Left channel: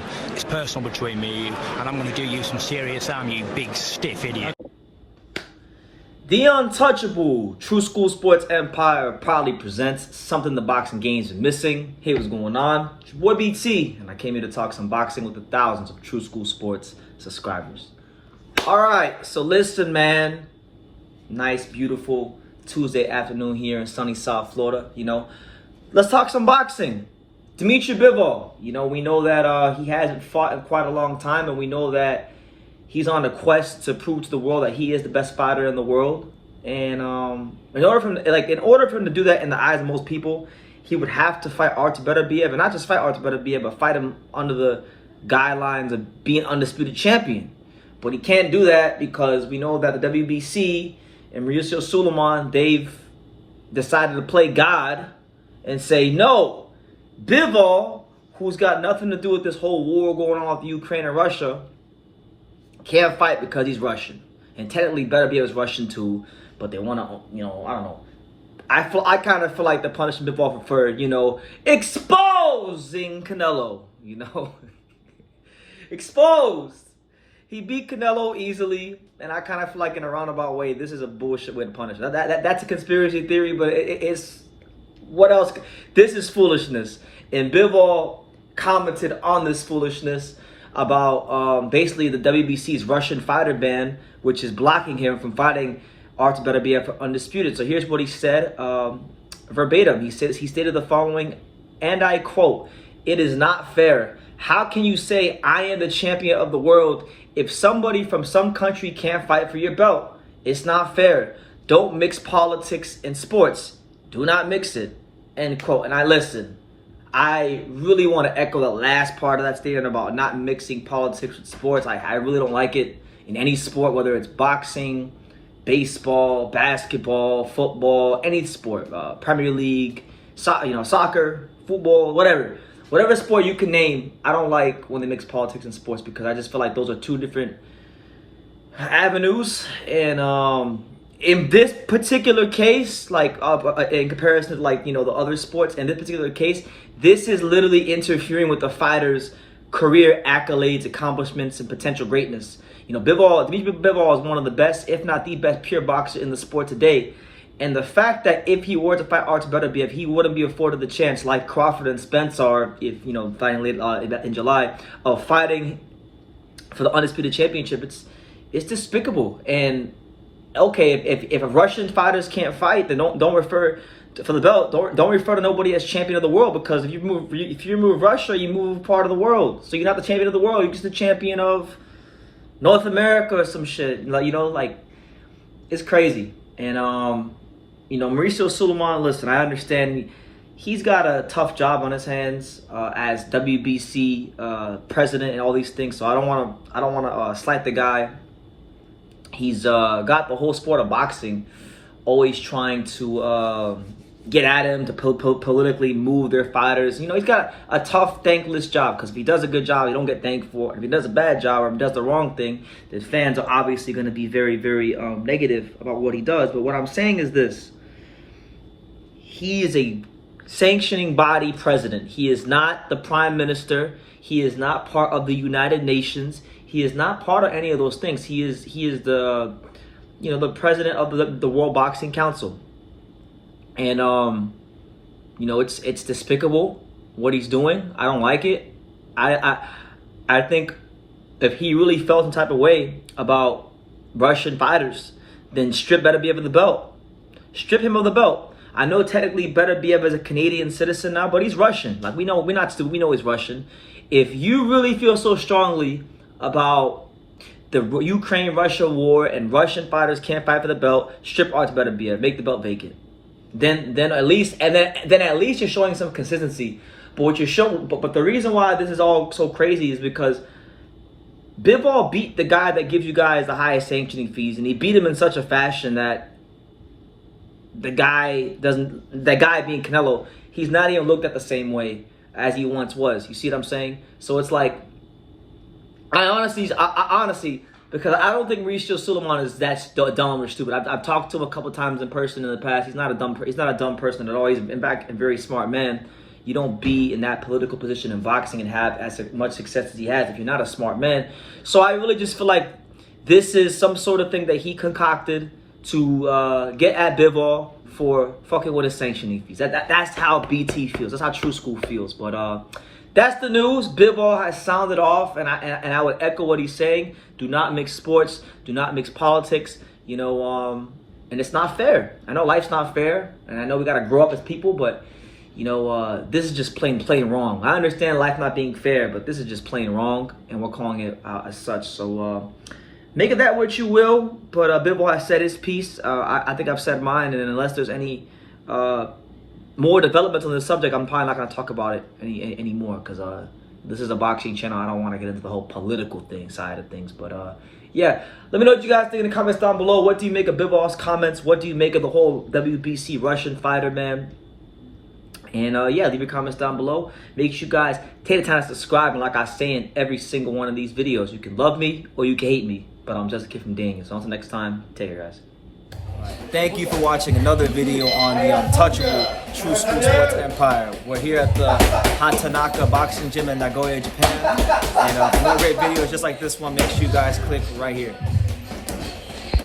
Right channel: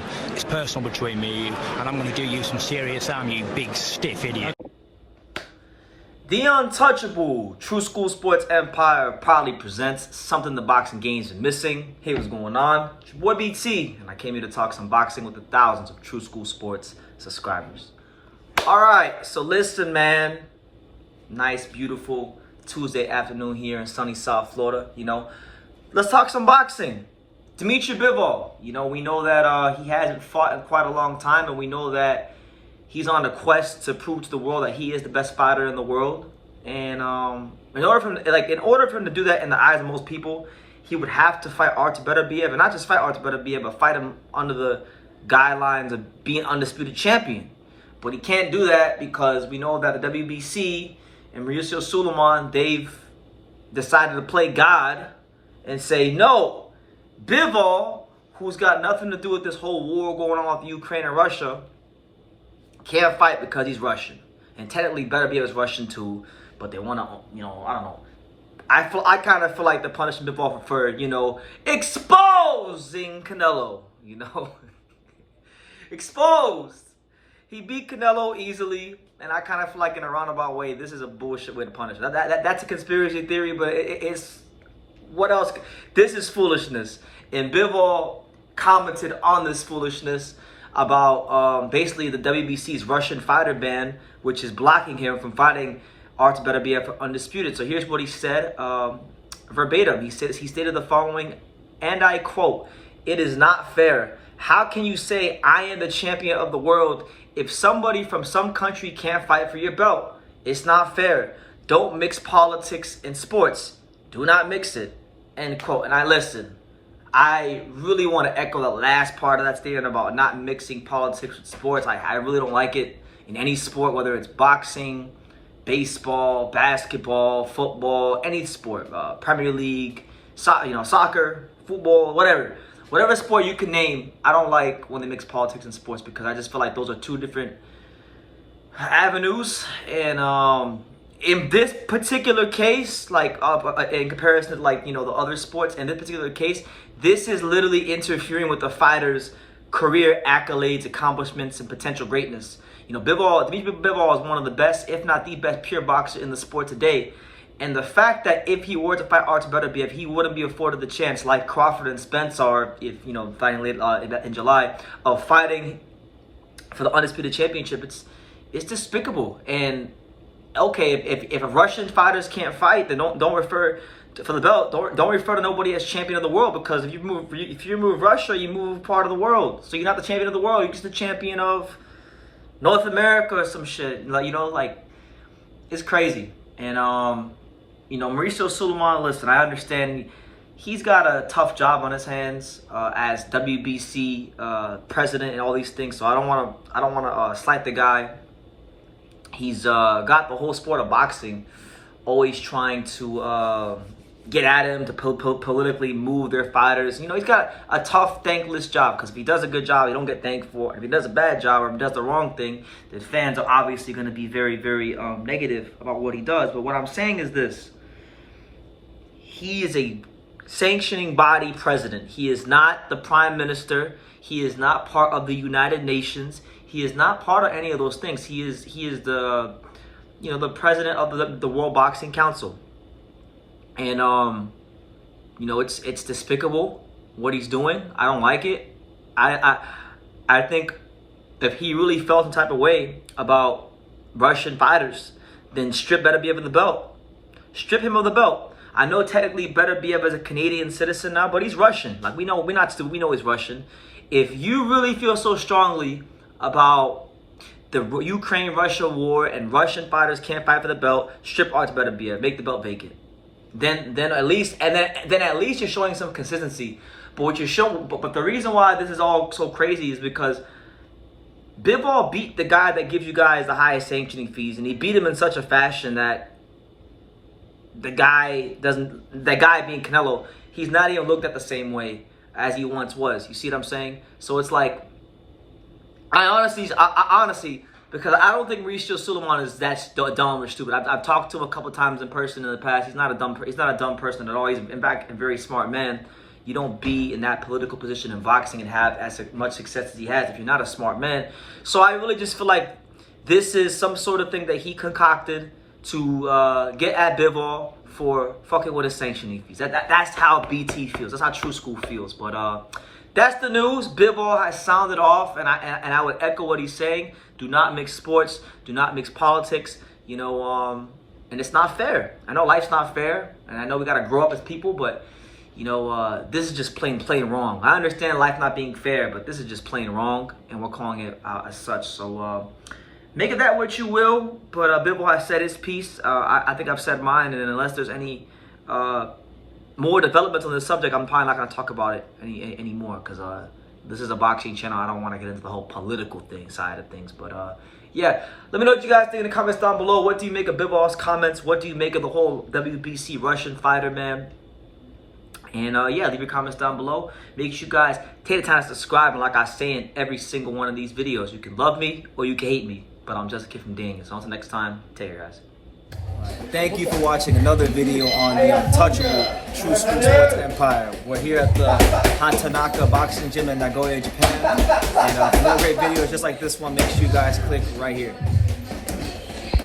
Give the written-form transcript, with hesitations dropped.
football. It's personal between me and you, and I'm going to do you some serious harm, you big stiff idiot. The Untouchable True School Sports Empire proudly presents something the boxing games are missing. Hey, what's going on? It's your boy BT, and I came here to talk some boxing with the thousands of True School Sports subscribers. All right, so listen, man. Nice, beautiful Tuesday afternoon here in sunny South Florida. Let's talk some boxing. Dmitry Bivol. We know that he hasn't fought in quite a long time, and we know that he's on a quest to prove to the world that he is the best fighter in the world. And in order for him to do that in the eyes of most people, he would have to fight Artur Beterbiev, and not just fight Artur Beterbiev, but fight him under the guidelines of being undisputed champion. But he can't do that because we know that the WBC and Mauricio Sulaiman, they've decided to play God and say, no, Bivol, who's got nothing to do with this whole war going on with Ukraine and Russia, can't fight because he's Russian. And technically Beterbiev is Russian too, but they want to, I don't know. I kind of feel like the punishment Bivol preferred, exposing Canelo, exposed. He beat Canelo easily, and I kind of feel like in a roundabout way, this is a bullshit way to punish. That's a conspiracy theory, but it's, what else? This is foolishness. And Bivol commented on this foolishness about basically the WBC's Russian fighter ban, which is blocking him from fighting Artur Beterbiev for undisputed. So here's what he said verbatim. He stated the following, and I quote, "It is not fair. How can you say I am the champion of the world if somebody from some country can't fight for your belt? It's not fair. Don't mix politics and sports. Do not mix it." End quote. And I really want to echo the last part of that statement about not mixing politics with sports. I really don't like it in any sport, whether it's boxing, baseball, basketball, football, any sport, Premier League, soccer, football, whatever. Whatever sport you can name, I don't like when they mix politics and sports because I just feel like those are two different avenues. And in this particular case, in comparison to the other sports, in this particular case, this is literally interfering with the fighter's career accolades, accomplishments, and potential greatness. Dmitry Bivol is one of the best, if not the best, pure boxer in the sport today. And the fact that if he were to fight Artur Beterbiev, he wouldn't be afforded the chance, like Crawford and Spence are, if fighting late in July, of fighting for the undisputed championship. It's despicable. And okay, if Russian fighters can't fight, then don't refer for the belt. Don't refer to nobody as champion of the world, because if you remove Russia, you move part of the world. So you're not the champion of the world. You're just the champion of North America or some shit. It's crazy. And Mauricio Sulaiman, listen, I understand he's got a tough job on his hands as WBC president and all these things. So I don't want to slight the guy. He's got the whole sport of boxing always trying to get at him, to politically move their fighters. He's got a tough, thankless job, because if he does a good job, he don't get thanked for it. If he does a bad job or if he does the wrong thing, then fans are obviously going to be very, very negative about what he does. But what I'm saying is this. He is a sanctioning body president. He is not the prime minister. He is not part of the United Nations. He is not part of any of those things. He is the the president of the World Boxing Council. And it's despicable what he's doing. I don't like it. I think if he really felt some type of way about Russian fighters, then strip Beterbiev of the belt. Strip him of the belt. I know technically Beterbiev is a Canadian citizen now, but he's Russian. We know he's Russian. If you really feel so strongly about the Ukraine-Russia war and Russian fighters can't fight for the belt, strip Artur Beterbiev, make the belt vacant. Then at least you're showing some consistency. But the reason why this is all so crazy is because Bivol beat the guy that gives you guys the highest sanctioning fees, and he beat him in such a fashion that that guy being Canelo, he's not even looked at the same way as he once was. You see what I'm saying? So it's like, I honestly, because I don't think Mauricio Sulaiman is that dumb or stupid. I've talked to him a couple times in person in the past. He's not a dumb person at all. He's in fact a very smart man. you don't be in that political position in boxing and have as much success as he has if you're not a smart man. So I really just feel like this is some sort of thing that he concocted to get at Bivol for fucking with his sanctioning fees. That's how BT feels. That's how True School feels. But that's the news. Bivol has sounded off, and I would echo what he's saying. Do not mix sports. Do not mix politics. You know, and it's not fair. I know life's not fair, and I know we gotta grow up as people, but you know, this is just plain wrong. I understand life not being fair, but this is just plain wrong, and we're calling it as such. So make of that what you will. But Bivol has said his piece. I think I've said mine, and unless there's any more developments on this subject, I'm probably not gonna talk about it anymore, because this is a boxing channel. I don't want to get into the whole political side of things. But yeah, let me know what you guys think in the comments down below. What do you make of Bivol's comments? What do you make of the whole WBC Russian fighter, man? And yeah, leave your comments down below. Make sure you guys take the time to subscribe. And like I say in every single one of these videos, you can love me or you can hate me, but I'm just a kid from Daniel. So until next time, take care, guys. Thank you for watching another video on the untouchable True School Sports Empire. We're here at the Hatanaka Boxing Gym in Nagoya, Japan. And for more great videos just like this one, make sure you guys click right here.